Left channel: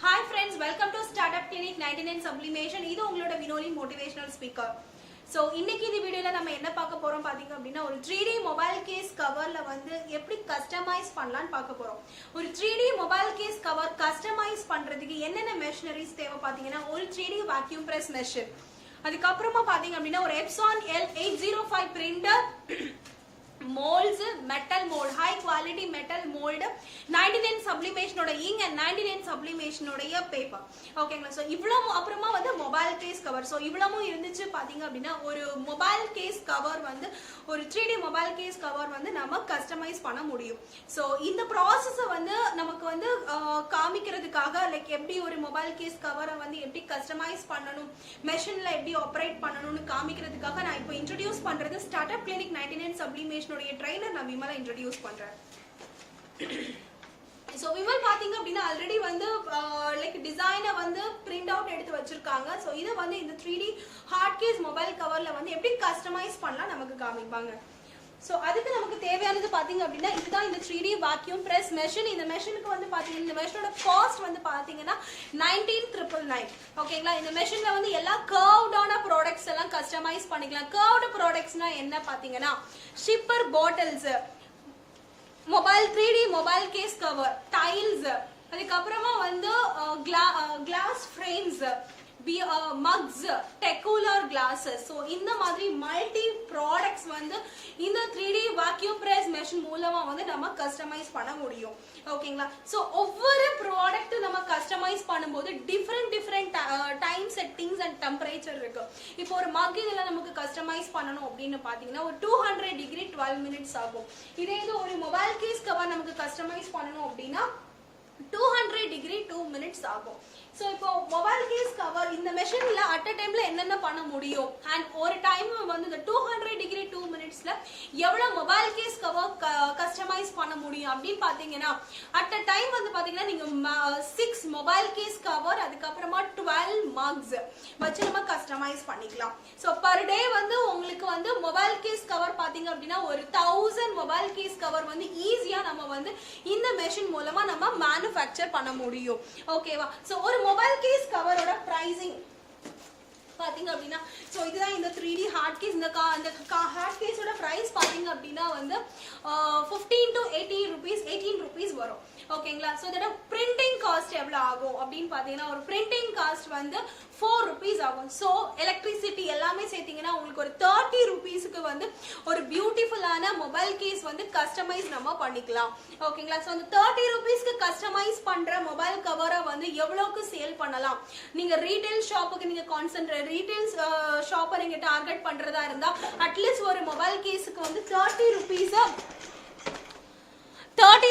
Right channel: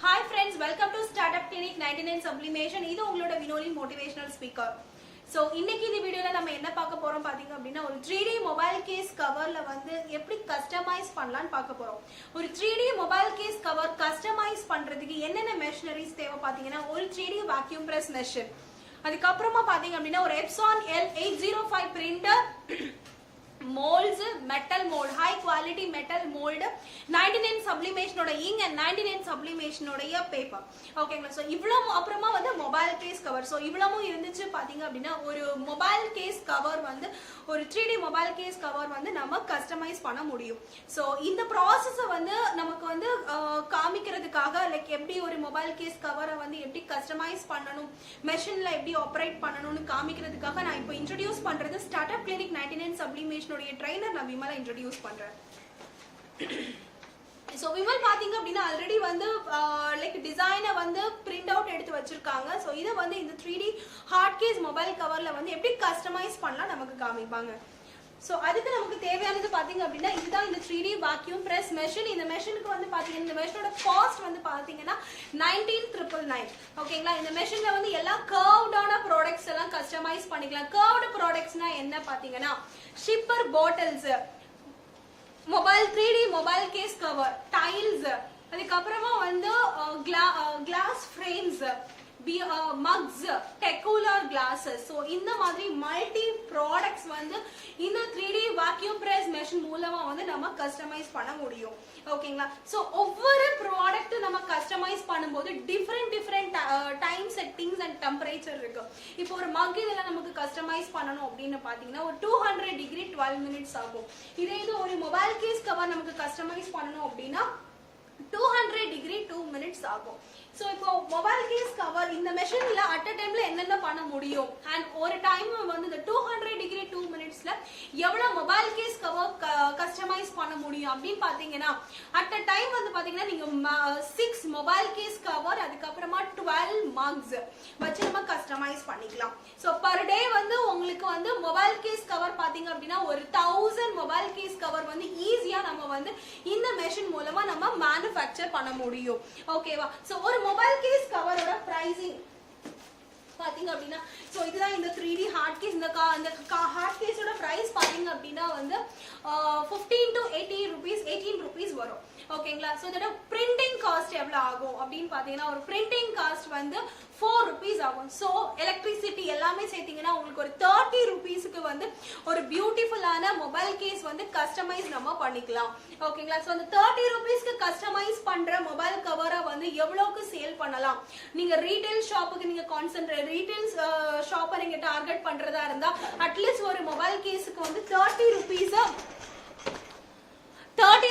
Hi friends, welcome to Startup Clinic 99 Sublimation. இது உங்களோட Vinoli motivational speaker. So இன்னைக்கு இந்த வீடியோல நம்ம என்ன பார்க்க போறோம் பாத்தீங்க அப்படின்னா ஒரு 3D மொபைல் கேஸ் கவர்ல வந்து எப்படி கஸ்டமைஸ் பண்ணலாம்னு பார்க்க போறோம். ஒரு 3D mobile case cover customise பண்றதுக்கு என்னென்ன மெஷினரிஸ் தேவை பாத்தீங்கன்னா ஒரு 3D vacuum press மெஷின், அதுக்கப்புறமா பாத்தீங்க அப்படின்னா ஒரு Epson L805 printer, molds, metal mold, high quality metal mold, 99 sublimation oda ink and 99 sublimation oda paper. ஓகேங்களா? சோ இவ்வளவு அப்புறமா வந்து மொபைல் கேஸ் கவர். சோ இவ்வளவும் இருந்துச்சு பாத்தீங்க அப்படின்னா ஒரு மொபைல் கேஸ் கவர் வந்து ஒரு 3D மொபைல் கேஸ் கவர் வந்து நம்ம கஸ்டமைஸ் பண்ண முடியும். சோ இந்த ப்ராசஸ வந்து நமக்கு வந்து காமிக்கிறதுக்காக லைக் எப்படி ஒரு மொபைல் கேஸ் கவரை வந்து எப்படி கஸ்டமைஸ் பண்ணணும், மெஷின்ல எப்படி ஆபரேட் பண்ணணும்னு காமிக்கிறதுக்காக நான் இப்போ இன்ட்ரோடியூஸ் பண்றது ஸ்டார்ட்அப் கிளினிக் 99 சப்ளிமேஷன் ட்ரெய்னர் நான் விமலா இன்ட்ரோடியூஸ் பண்றேன். சோ விமல் பாத்தீங்க அப்படின்னா ஆல்ரெடி வந்து லைக் டிசைனை வந்து பிரிண்ட் அவுட் எடுத்து வச்சிருக்காங்க. சோ இத வந்து இந்த 3D ஹார்ட் கேஸ் மொபைல் கவர்ல வந்து எப்படி கஸ்டமைஸ் பண்ணலாம் நமக்கு காமிப்பாங்க. சோ அதுக்கு நமக்கு தேவையானது பாத்தீங்க அப்படின்னா இதுதான் இந்த 3D vacuum press மெஷின். இந்த மெஷினுக்கு வந்து பாத்தீங்கன்னா இந்த மெஷினோட காஸ்ட் வந்து பாத்தீங்கன்னா 19,999. ஓகேங்களா? இந்த மெஷின்ல வந்து எல்லா கர்வ்டான ப்ராடக்ட்ஸ் எல்லாம் கஸ்டமைஸ் பண்ணிக்கலாம். கர்வ்டு ப்ராடக்ட்ஸ்னா என்ன பாத்தீங்கன்னா sipper bottles, mobile 3D mobile case cover, tiles, அதுக்கப்புறமா வந்து glass frames, mugs, tecular glasses. So இந்த மாதிரி மல்டி ப்ராடக்ட்ஸ் வந்து இந்த 3D vacuum press மெஷின் மூலமா வந்து நம்ம கஸ்டமைஸ் பண்ண முடியும். ஓகேங்களா? சோ ஒவ்வொரு ப்ராடக்ட் நம்ம கஸ்டமைஸ் பண்ணும்போது different time settings and temperature இருக்கு. இப்போ ஒரு மக் இதெல்லாம் நமக்கு கஸ்டமைஸ் பண்ணணும் அப்படின்னு பாத்தீங்கன்னா ஒரு 200 டிகிரி 12 மினிட்ஸ் ஆகும். இதே இது ஒரு மொபைல் கேஸ் கவர் நமக்கு கஸ்டமைஸ் பண்ணணும் அப்படின்னா 200 டிகிரி 2 மினிட்ஸ் ஆகும். சோ இப்போ மொபைல் கேஸ் கவர் இந்த மெஷின்ல அட் அ டைம்ல என்னென்ன பண்ண முடியும் அண்ட் ஒரு டைம் வந்து இந்த 200 டிகிரி 2 மினிட்ஸ்ல எவ்வளவு மொபைல் கேஸ் கவர் கஸ்டமைஸ் பண்ண முடியும் அப்படின்னு பாத்தீங்கன்னா அட் அ டைம் வந்து பாத்தீங்கன்னா நீங்க 6 மொபைல் கேஸ் கவர் அதுக்கப்புறமா 12 மக்ஸ் வச்சு நம்ம கஸ்டமைஸ் பண்ணிக்கலாம். சோ பர் டே வந்து உங்களுக்கு வந்து மொபைல் கேஸ் கவர் பாத்தீங்க அப்படின்னா ஒரு 1000 மொபைல் கேஸ் கவர் வந்து ஈஸியா நம்ம வந்து இந்த மெஷின் மூலமா நம்ம மேனுஃபேக்சர் பண்ண முடியும். ஓகேவா? சோ ஒரு மொபைல் கேஸ் கவரோட பிரைசிங் பாத்தீங்க அப்படின்னா சோ இதுதான் இந்த 3D ஹார்ட் கேஸ். இந்த ஹார்ட் கேஸோட பிரைஸ் பாத்தீங்க அப்படின்னா வந்து 15 to 18 rupees வரும். ஓகேங்களா? சோ இதோட பிரிண்டிங் காஸ்ட் எவ்வளவு ஆகும் அப்படின்னு பாத்தீங்கன்னா ஒரு பிரிண்டிங் காஸ்ட் வந்து 4 rupees ஆகும். சோ எலக்ட்ரிசிட்டி எல்லாமே சேர்த்தீங்கன்னா உங்களுக்கு ஒரு 30 rupeesக்கு வந்து ஒரு பியூட்டிஃபுல்லான மொபைல் கேஸ் வந்து கஸ்டமைஸ் நம்ம பண்ணிக்கலாம். ஓகேங்களா? சோ அந்த 30 rupeesக்கு கஸ்டமைஸ் பண்ற மொபைல் கவரை வந்து எவ்வளவுக்கு சேல் பண்ணலாம்? நீங்க ரீட்டைல் ஷாப்புக்கு நீங்க கான்சென்ட்ரேட் ரீட்டைல் ஷாப்பை நீங்க டார்கெட் பண்றதா இருந்தா அட்லீஸ்ட் ஒரு மொபைல் கேஸுக்கு வந்து 30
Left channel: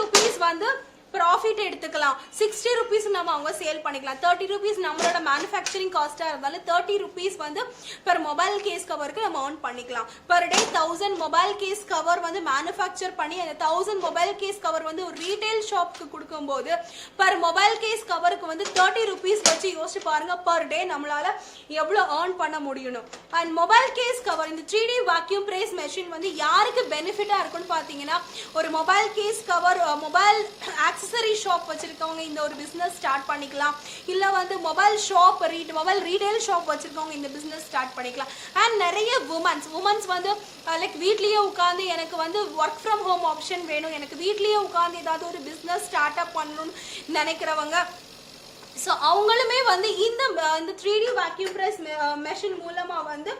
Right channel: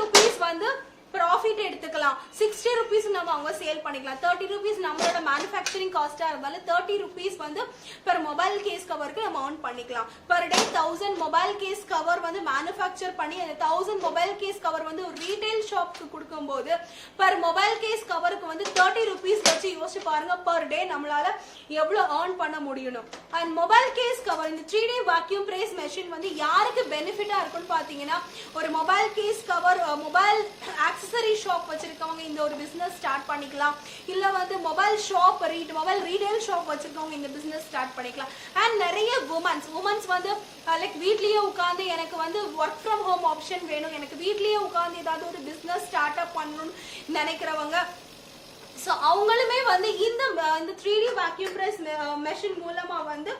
rupees வந்து ப்ராஃபிட் எடுத்துக்கலாம். 60 rupees நம்ம அவங்க சேல் பண்ணிக்கலாம். 30 rupees நம்மளோட மேனுஃபேக்சரிங் காஸ்டா இருந்தாலும் 30 rupees வந்து பெர் மொபைல் கேஸ் கவருக்கு நம்ம earn பண்ணிக்கலாம். Per day 1000 mobile case cover வந்து மேனுஃபேக்சர் பண்ணி அந்த 1000 மொபைல் கேஸ் கவர் வந்து ஒரு ரீட்டைல் ஷாப்க்கு கொடுக்கும்போது பெர் மொபைல் கேஸ் கவருக்கு வந்து 30 rupees வச்சு யோசிச்சு பாருங்க பெர் டே நம்மளால எவ்வளவு earn பண்ண முடியும். அண்ட் மொபைல் கேஸ் கவர் இந்த 3D vacuum press மெஷின் வந்து யாருக்கு பெனிஃபிட்டா இருக்குன்னு பாத்தீங்கன்னா ஒரு mobile case cover mobile accessory shop வச்சிருக்கவங்க இந்த ஒரு பிசினஸ் ஸ்டார்ட் பண்ணிக்கலாம். இல்ல வந்து மொபைல் ரீட்டைல் ஷாப் வச்சிருக்கவங்க இந்த பிசினஸ் ஸ்டார்ட் பண்ணிக்கலாம். அண்ட் நிறைய உமன்ஸ் வந்து லைக் வீட்லயே உட்கார்ந்து எனக்கு வந்து ஒர்க் ஃப்ரம் ஹோம் ஆப்ஷன் வேணும், எனக்கு வீட்லயே உட்கார்ந்து ஏதாவது ஒரு பிசினஸ் ஸ்டார்ட் அப் பண்ணணும்னு நினைக்கிறவங்க சோ அவங்களுமே வந்து இந்த 3D vacuum press மெஷின் மூலமா வந்து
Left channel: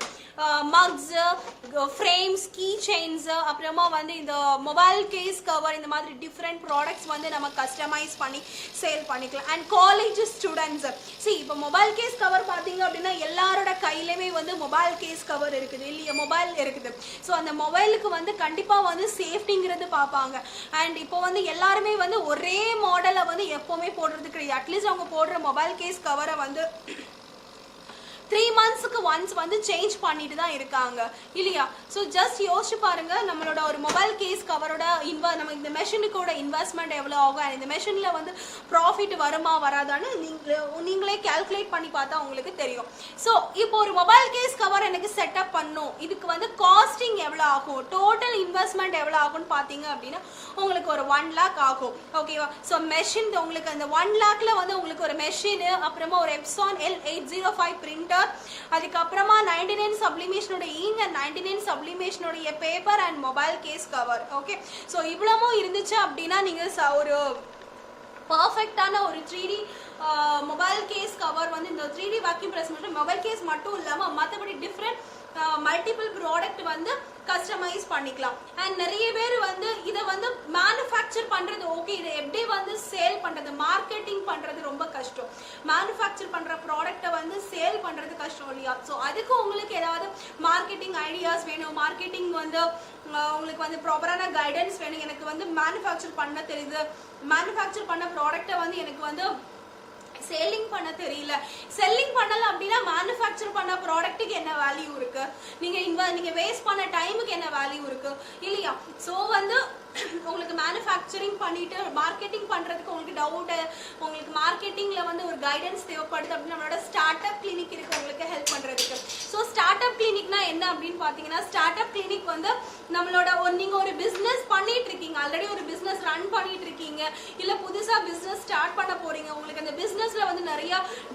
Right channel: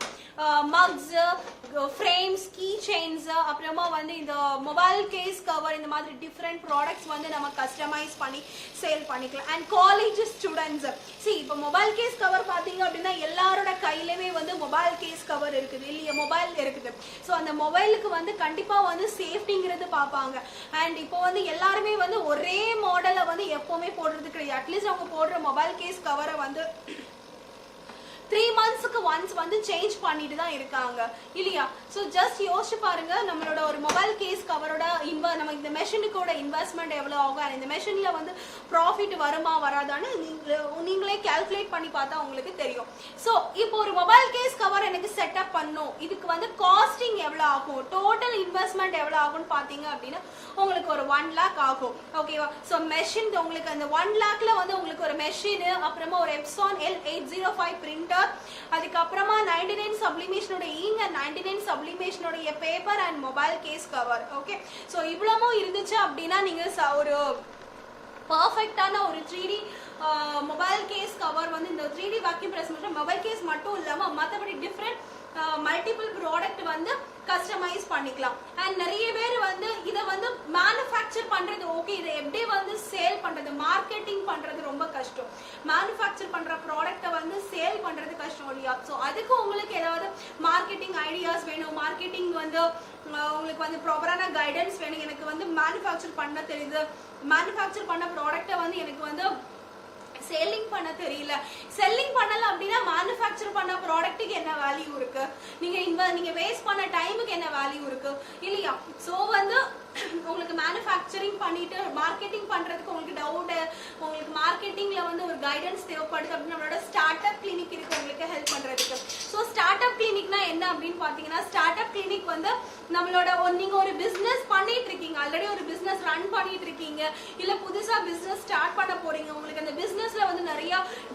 மக்ஸ், ஃப்ரேம்ஸ், கீ செயின்ஸ், அப்புறமா வந்து இந்த மொபைல் கேஸ் கவர் இந்த மாதிரி டிஃப்ரெண்ட் ப்ராடக்ட்ஸ் வந்து நம்ம கஸ்டமைஸ் பண்ணி சேல் பண்ணிக்கலாம். அண்ட் காலேஜ் ஸ்டூடெண்ட்ஸ் இப்போ மொபைல் கேஸ் கவர் பாத்தீங்க அப்படின்னா எல்லாரோட கையிலுமே வந்து மொபைல் கேஸ் கவர் இருக்குது இல்லையா, மொபைல் இருக்குது. ஸோ அந்த மொபைலுக்கு வந்து கண்டிப்பா வந்து சேஃப்டிங்கிறது பார்ப்பாங்க. அண்ட் இப்போ வந்து எல்லாருமே வந்து ஒரே மாடலை வந்து எப்பவுமே போடுறது கிடையாது. அட்லீஸ்ட் அவங்க போடுற மொபைல் கேஸ் கவரை வந்து 3 monthsக்கு ஒன்ஸ் வந்து சேஞ்ச் பண்ணிட்டு தான் இருக்காங்க இல்லையா. ஸோ ஜஸ்ட் யோசிச்சு பாருங்க, நம்மளோட ஒரு மொபைல் கேஸ் கவரோட நம்ம இந்த மெஷினுக்கோட இன்வெஸ்ட்மெண்ட் எவ்வளோ ஆகும், இந்த மெஷின்ல வந்து ப்ராஃபிட் வருமா வராதான்னு நீங்களே கால்குலேட் பண்ணி பார்த்தா உங்களுக்கு தெரியும். ஸோ இப்போ ஒரு மொபைல் கேஸ் கவர் எனக்கு செட்டப் பண்ணும், இதுக்கு வந்து காஸ்டிங் எவ்வளோ ஆகும், டோட்டல் இன்வெஸ்ட்மெண்ட் எவ்வளோ ஆகும்னு பார்த்தீங்க அப்படின்னா உங்களுக்கு ஒரு 1 lakh ஆகும். ஓகேவா. ஸோ மெஷின் உங்களுக்கு அந்த 1 lakhல வந்து உங்களுக்கு ஒரு மெஷின், அப்புறமா ஒரு Epson L805 பிரிண்டர், அதுக்கப்புறமா 99 சப்ளிமேஷனோட இங்க் அண்ட் 99 சப்ளிமேஷனோட paper and mobile case cover. Okay. So இவ்வளவும் இருந்துச்சு அப்படின்னா நீங்க ஒரு பர்ஃபெக்டான ஒரு 3D மொபைல் கேஸ் கவர் வந்து இந்த 3D வேக்யூம் பிரஸ் மட்டும் மொபைல் கேஸ் மட்டும் இல்லாம மற்றபடி டிஃப்ரெண்ட் மல்டிபிள் ப்ராடக்ட் வந்து கஸ்டமைஸ் பண்ணிக்கலாம். அண்ட் நிறைய பேர் வந்து இதை வந்து மேனுஃபேக்சர் பண்றது ஓகே, இதை எப்படி வந்து சேல் பண்றது, மார்க்கெட்டிங் பண்றது ரொம்ப கஷ்டம். மேனுஃபேக்சர் பண்ற ப்ராடக்ட்டை வந்து சேல் பண்றது கஷ்டம் இல்லையா. ஸோ அதுக்கு உங்களுக்கு ஏதாவது மார்க்கெட்டிங் ஐடியாஸ் வேணும், மார்க்கெட்டிங் வந்து உங்களுக்கு வந்து ப்ராப்பரான கைடன்ஸ் வேணும். எனக்கு வந்து மேனுஃபேக்சர் பண்ண தெரியுது, மேனுஃபேக்சர் பண்ண ப்ராடக்ட்டை வந்து எனக்கு வந்து செல்லிங் பண்ண தெரியல, செல்லிங் பண்ணல அப்படின்னா மேனுஃபேக்சர் பண்ண ப்ராடக்ட்டுக்கு என்ன வேல்யூ இருக்கு, நீங்க வேஸ்ட் பண்ண டைமுக்கு என்ன வேல்யூ இருக்கு இல்லையா. ஸோ வந்து உங்களுக்கு மேனுஃபேக்சரிங் பண்ணிட்டு மார்க்கெட்டிங் பண்றதுக்கு உங்களுக்கு டவுட், உங்களுக்கு மார்க்கெட்டிங்ல வந்து ஒரு கைடன்ஸ் தேவைப்படுது அப்படின்னு நம்மளோட ஸ்டார்ட் அப் கிளினிக் இருக்கு உங்களுக்கு ஹெல்ப் பண்றதுக்கு. ஸோ ஸ்டார்ட் அப் கிளினிக்னா என்ன அப்படின்னு பாத்தீங்கன்னா, ஸ்டார்ட் அப் கிளினிக் வந்து நம்மளோட நீங்க ஒரு பிசினஸ் பண்ணிட்டு இருக்கீங்க, ஆல்ரெடி ஒரு பிசினஸ் ரன் பண்ணிட்டு இருக்கீங்க, இல்ல புதுசா பிசினஸ் ஸ்டார்ட் பண்ண போறீங்க, உங்களுக்கு அந்த பிசினஸ்ல வந்து நிறைய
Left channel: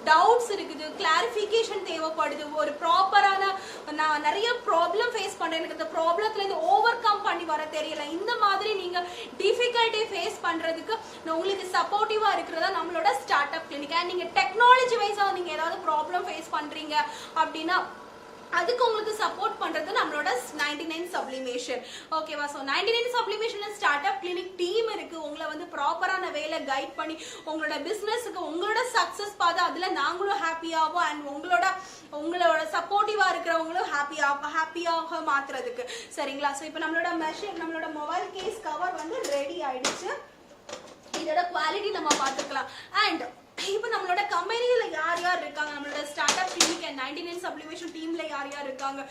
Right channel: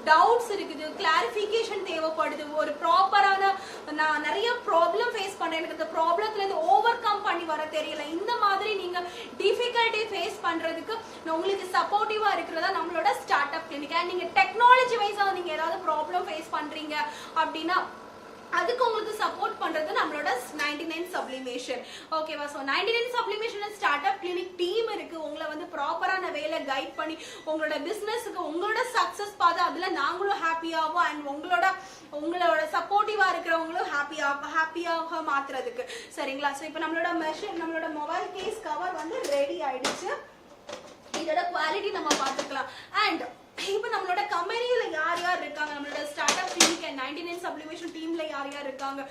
டவுட்ஸ் இருக்குது, கிளாரிபிகேஷன் தேவைப்படுது, ஒரு ப்ராப்பரான நான் நிறைய ப்ராப்ளம் ஃபேஸ் பண்றேன், எனக்கு அந்த ப்ராப்ளத்துல இருந்து ஓவர் கம் பண்ணி வர தெரியல, இந்த மாதிரி நீங்க டிஃபிகல்ட்டி ஃபேஸ் பண்றதுக்கு உங்களுக்கு சப்போர்ட்டிவா இருக்கிறதா நம்மளோட ஸ்டார்ட் அப் கிளினிக். அண்ட் நீங்க டெக்னாலஜி வைஸா நீங்க ஏதாவது ப்ராப்ளம் ஃபேஸ் பண்றீங்க அப்படின்னா அதுக்கு உங்களுக்கு சப்போர்ட் பண்றது நம்மளோட 99 சப்ளிமேஷன். ஓகேவா. So 99 sublimation start up clinic team இருக்கு, உங்களை வந்து ப்ராப்பரான வேலை கைட் பண்ணி உங்களோட பிசினஸுக்கு உங்களோட சக்சஸ் பார்த்து அதுல நாங்களும் ஹாப்பியாகும் அண்ட் உங்களோட சப்போர்ட்டிவா இருக்கிறவங்களும் ஹாப்பியாக மாத்துறதுக்கு. சரிங்களா. ஸோ இப்போ நம்மளோட மொபைல் கேஸ் கவர் வந்து ரெடி ஆயிடுச்சு. இதோட குவாலிட்டி நம்ம பார்த்துக்கலாம். அண்ட் இப்போ நம்மளோட கம்பெனியில யார் யார் இருக்காங்க, நம்மளோட start up clinic and 99 sublimation டீம்ல யார் யார் இருக்காங்க,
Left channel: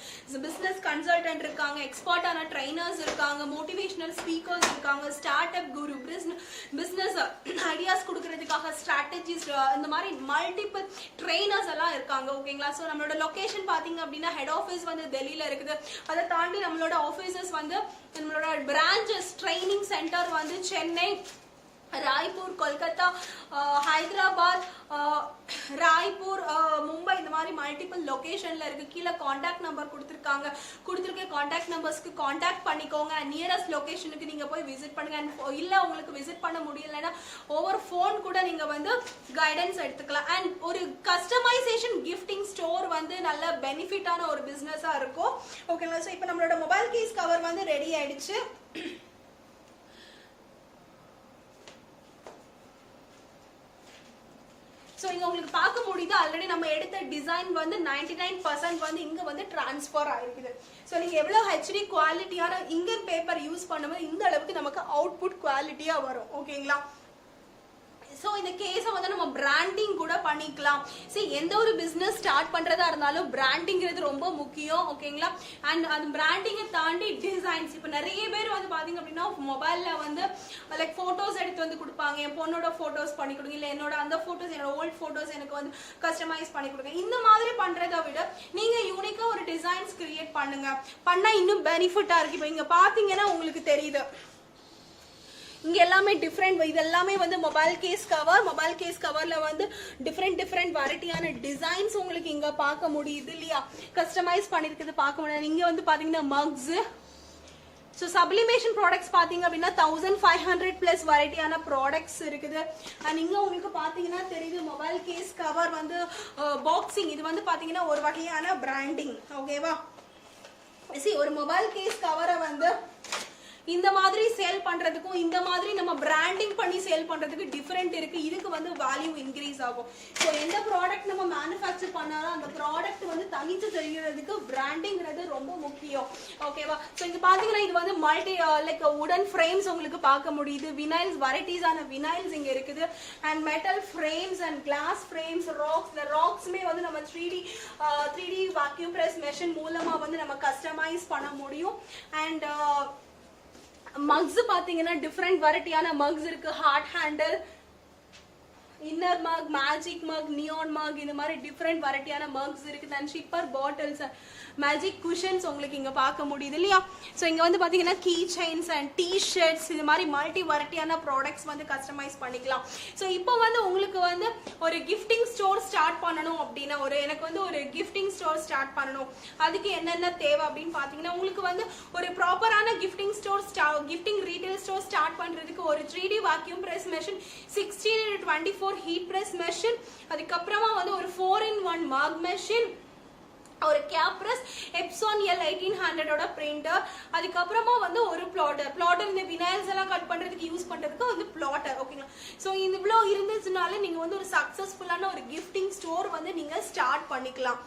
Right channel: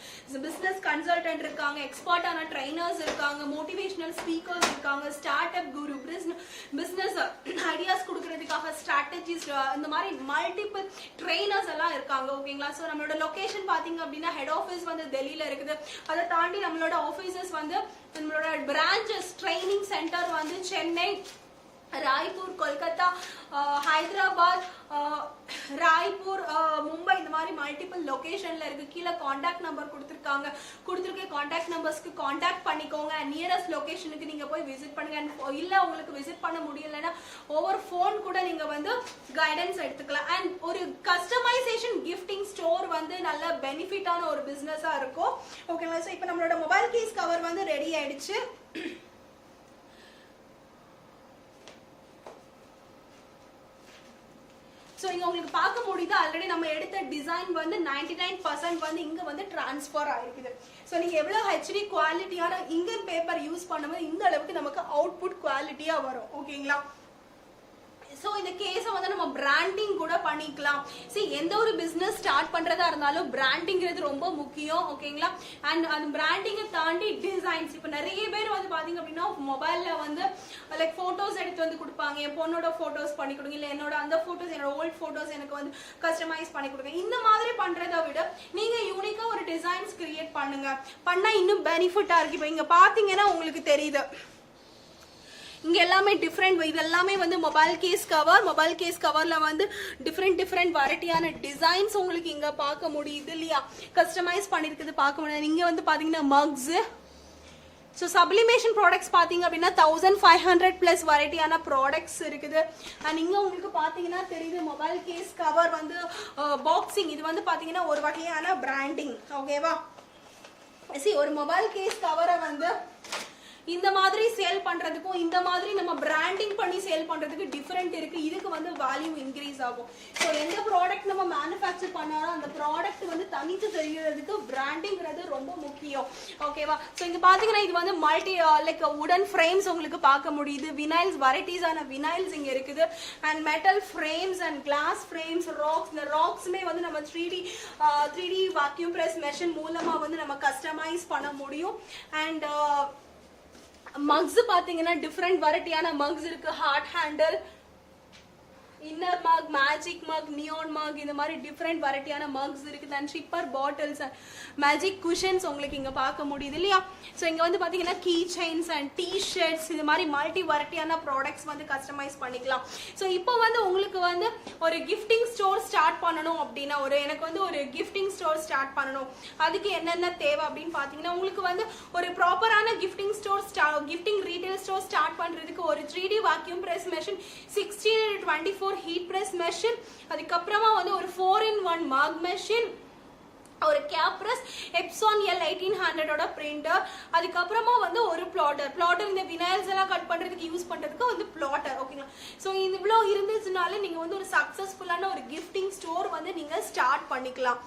பிசினஸ் கன்சல்டன்ட் இருக்காங்க, எக்ஸ்பர்ட்டான ட்ரைனர்ஸ் இருக்காங்க, மோட்டிவேஷனல் ஸ்பீக்கர்ஸ் இருக்காங்க, ஸ்டார்ட் அப் குரு, பிசினஸ் ஐடியாஸ் கொடுக்கறதுக்காக ஸ்ட்ராட்டஜிஸ், இந்த மாதிரி மல்டிபிள் ட்ரைனர்ஸ் எல்லாம் இருக்காங்க. ஓகேங்களா. ஸோ நம்மளோட லொகேஷன் பாத்தீங்க அப்படின்னா ஹெட் ஆஃபீஸ் வந்து டெல்லியில இருக்குது, அதை தாண்டி நம்மளோட ஆஃபீஸஸ் வந்து நம்மளோட பிரான்ச்சஸ் ட்ரைனிங் சென்டர் வந்து சென்னை, ராய்ப்பூர், கொல்கத்தா, ஹைதராபாத், ராய்ப்பூர், மும்பை, இந்த மாதிரி மல்டிபிள் லொகேஷன்ல இருக்கு. கீழே கான்டாக்ட் நம்பர் கொடுத்துருக்க கான்டாக்ட் நம்பர்ஸ்க்கு கான்டாக்ட் பண்ணிக்கோங்க. நியரஸ்ட் லொகேஷனுக்கு நீங்க போய் விசிட் பண்ணுங்க. இல்ல உங்களுக்கு விசிட் பண்ண முடியலன்னா ஓவர் போன் கூட நீங்க வந்து கைடன்ஸ் எடுத்துக்கலாம். அண்ட் ஒரு கஸ்டமைசேஷன் கிஃப்டிங் ஸ்டோர் வந்து நல்ல பெனிஃபிட்டான ஒரு பிசினஸா இருக்கும். ஓகேங்களா. ஸோ இப்போ நம்மளோட மொபைல் கேஸ் கவர் வந்து ரெடி ஆயிடுச்சு. ஸோ இங்க உங்களுக்கு பார்க்க முடியுது, ஆல்ரெடி நம்ம எடுத்த டிசைன் வந்து 99% வந்து இங்க வந்து டிரான்ஸ்பர் ஆயிருக்குது. ஸோ நீங்க எவ்வளவு ஹெச்டி குவாலிட்டியான இங்கர் பேப்பர் யூஸ் பண்ணும்போது இந்த அளவுக்கு நமக்கு அவுட்புட் குவாலிட்டியா வரும். ஓகேங்களா. ஸோ இந்த கேஸை வந்து நம்ம பிராண்டிங் கூட பண்ணிக்கலாம். சரி, எந்த ஒரு பிசினஸ் ஸ்டார்ட் பண்றதா இருந்தாலும் பிராண்டிங்கிறது ரொம்ப முக்கியம். ஓகேங்களா. அண்ட் அந்த பிராண்டிங்கை தாண்டி டிசைன்ஸ், இப்போ நிறைய பேர் வந்து பாத்தீங்க அப்படின்னா மொபைல்ல வந்து லைக் போட்டோஸ் எடுத்து வந்து கொடுப்பாங்க, என் பொண்ணோட போட்டோஸ் பண்ணி கொடுங்க, இல்ல என்னோட அந்த போட்டோஸ், என்னோட ஓல்ட் போட்டோஸ் எனக்கு வந்து கஸ்டமைஸ் பண்ணி கொடுங்க. இந்த மாதிரி பண்றதை விட நீங்க யூனிக்கா ஒரு டிசைன்ஸ் கிரியேட் பண்ணுங்க, பண்ணா இன்னும் பெனிஃபிட்டா இருக்கு. இப்போ இங்க பாத்தீங்கன்னா உங்களுக்கு தெரியுது, இங்க எல்லாமே டிஃப்ரெண்ட், இது எல்லாமே வந்து மொபைல் கேஸ் கவர்ல வந்து டிஃப்ரெண்ட் வெரைட்டியான டிசைன்ஸ் உங்களுக்கு இங்க பார்க்க முடியுது இல்லையா. கஸ்டமைஸ் பண்ணிருக்குது பார்க்க முடியாது. இங்க வந்து பாத்தீங்கன்னா மக்ஸ். ஸோ சப்ளிமேஷன் ப்ராடக்ட்ஸ் பாத்தீங்க அப்படின்னா 1500+ வெரைட்டியான ப்ராடக்ட்ஸ் இருக்குது. அண்ட் இங்க உங்களுக்கு பாத்தீங்கன்னா தெரியுது மொபைல் கேஸ் கவர் வந்து பாக்ஸிங், இது வந்து பாத்தீங்கன்னா ஒரு வகையான பிராண்டிங். ஓகேவா. ஒரு மொபைல் கேஸ் கவரை வந்து இந்த மாதிரி சேல் பண்றதுக்கும் இந்த மாதிரி நம்ம பிராண்டிங் பண்ணி சேல் பண்றதுக்கு டிஃபரெண்ட் இருக்கு. இதுக்கு வந்து வேல்யூ இன்க்ரீஸ் ஆகும். ஸோ எந்த ப்ராடக்ட் நம்ம மேனுஃபேக்சர் பண்ணாலும் அந்த ப்ராடக்ட் வந்து தனித்து தெரியறதுக்கு பிராண்டிங்கிறது ரொம்ப முக்கியம். ஓகேவா? ஸோ இது பாத்தீங்கன்னா இது வந்து மல்டி லைக் உடன் ஃப்ரேம்ஸ் உங்களுக்கு பார்க்க முடியுது. வினைல்ஸ் வெரைட்டிஸான வினைல்ஸ் இங்க இருக்குது. And metal frames and glass frames, racks. இந்த ராக்ஸ்மே வந்து நம்ம 3D வாக்யூம் பிரஸ் மெஷின் மூலமா வந்து நம்ம கஸ்டமைஸ் பண்ண முடியும். அண்ட் மக்ஸ் பாத்தீங்கன்னா டிஃப்ரெண்ட் வெரைட்டியான மக்ஸ் இருக்கு. Hard handle, inner mug, magic mug, neon mug, இந்த மாதிரி டிஃப்ரெண்ட் வெரைட்டியான மக்ஸ் இருக்குது. And sipper bottles, magic cushions உங்களுக்கு இங்க பார்க்க முடியுது இல்லையா? ஸோ இங்க வந்து பாத்தீங்கன்னா key chains and T shirts, இது மாதிரி மல்டி வெரைட்டியான ப்ராடக்ட்ஸ் வந்து கஸ்டமைஸ் பண்ணிக்கலாம். ஸோ இப்போ வந்து உங்களுக்கு வந்து ஒரு கிஃப்டிங் ஸ்டோர் ஸ்டார்ட் பண்ணணும் அப்படின்னா, எனக்கு வந்து ஒரு கிஃப்டிங் ஸ்டோர் ஸ்டார்ட் பண்ணணும், அதுக்கு என்னென்ன தேவை அப்படின்னு பாத்தீங்கன்னா, உங்களுக்கு வந்து ஒரு ப்ராப்பரான கிஃப்டிங் ரீட்டைல் ஸ்டோர் ஸ்டார்ட் பண்றதுக்கு ஒரு 3D vacuum press machine, 16x24 heat press machine, அதுக்கப்புறமா வந்து ஒரு 4-in-1 மக் மெஷின், ஒரு cap press, Epson L 1800 printer, அதுக்கப்புறமா வந்து ஒரு பிளாட்டர் இந்த வினைல்ஸ் எல்லாம் கட் பண்றதுக்கு யூஸ் பண்றதுக்கு வந்து பிளாட்டர். ஓகேங்களா? ஸோ இவ்வளோ இருந்துச்சுனாலே நீங்க வந்து ஒரு சக்சஸ்ஃபுல்லான ஒரு கிஃப்டிங் ஸ்டோர் வந்து நீங்க ஸ்டார்ட் பண்ணிக்கலாம்.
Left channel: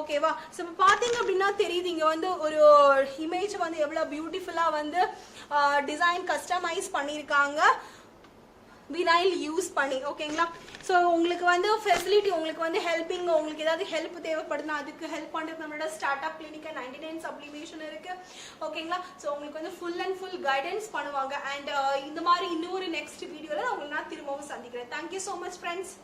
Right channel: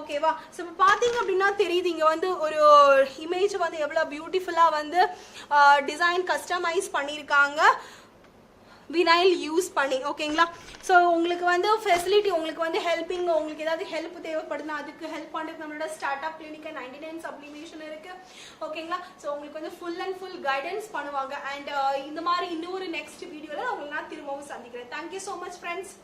ஓகேவா? ஸோ இப்போ பார்த்தீங்க அப்படின்னா தெரியுது இங்கே வந்து ஒரு இமேஜ் வந்து எவ்வளோ பியூட்டிஃபுல்லாக வந்து டிசைன் கஸ்டமைஸ் பண்ணியிருக்காங்க வினைல் யூஸ் பண்ணி. ஓகேங்களா? ஸோ உங்களுக்கு வந்து ஃபெசிலிட்டி, உங்களுக்கு வந்து ஹெல்பிங், உங்களுக்கு ஏதாவது ஹெல்ப் தேவைப்படுதுன்னா அதுக்கு ஹெல்ப் பண்ணுறதுக்கு நம்மளோட ஸ்டார்ட் அப் கிளினிக் 99 சப்ளிமேஷன் இருக்கு. ஓகேங்களா? ஸோ உங்களுக்கு வந்து ஃபுல் அண்ட் ஃபுல் கைடன்ஸ் பண்ணுவாங்க. அண்ட் இந்த மாதிரி இன்னொரு நெக்ஸ்ட் வீடியோவில் உங்களுக்கு நான் திரும்பவும் சந்திக்கிறேன். Thank you so much friends.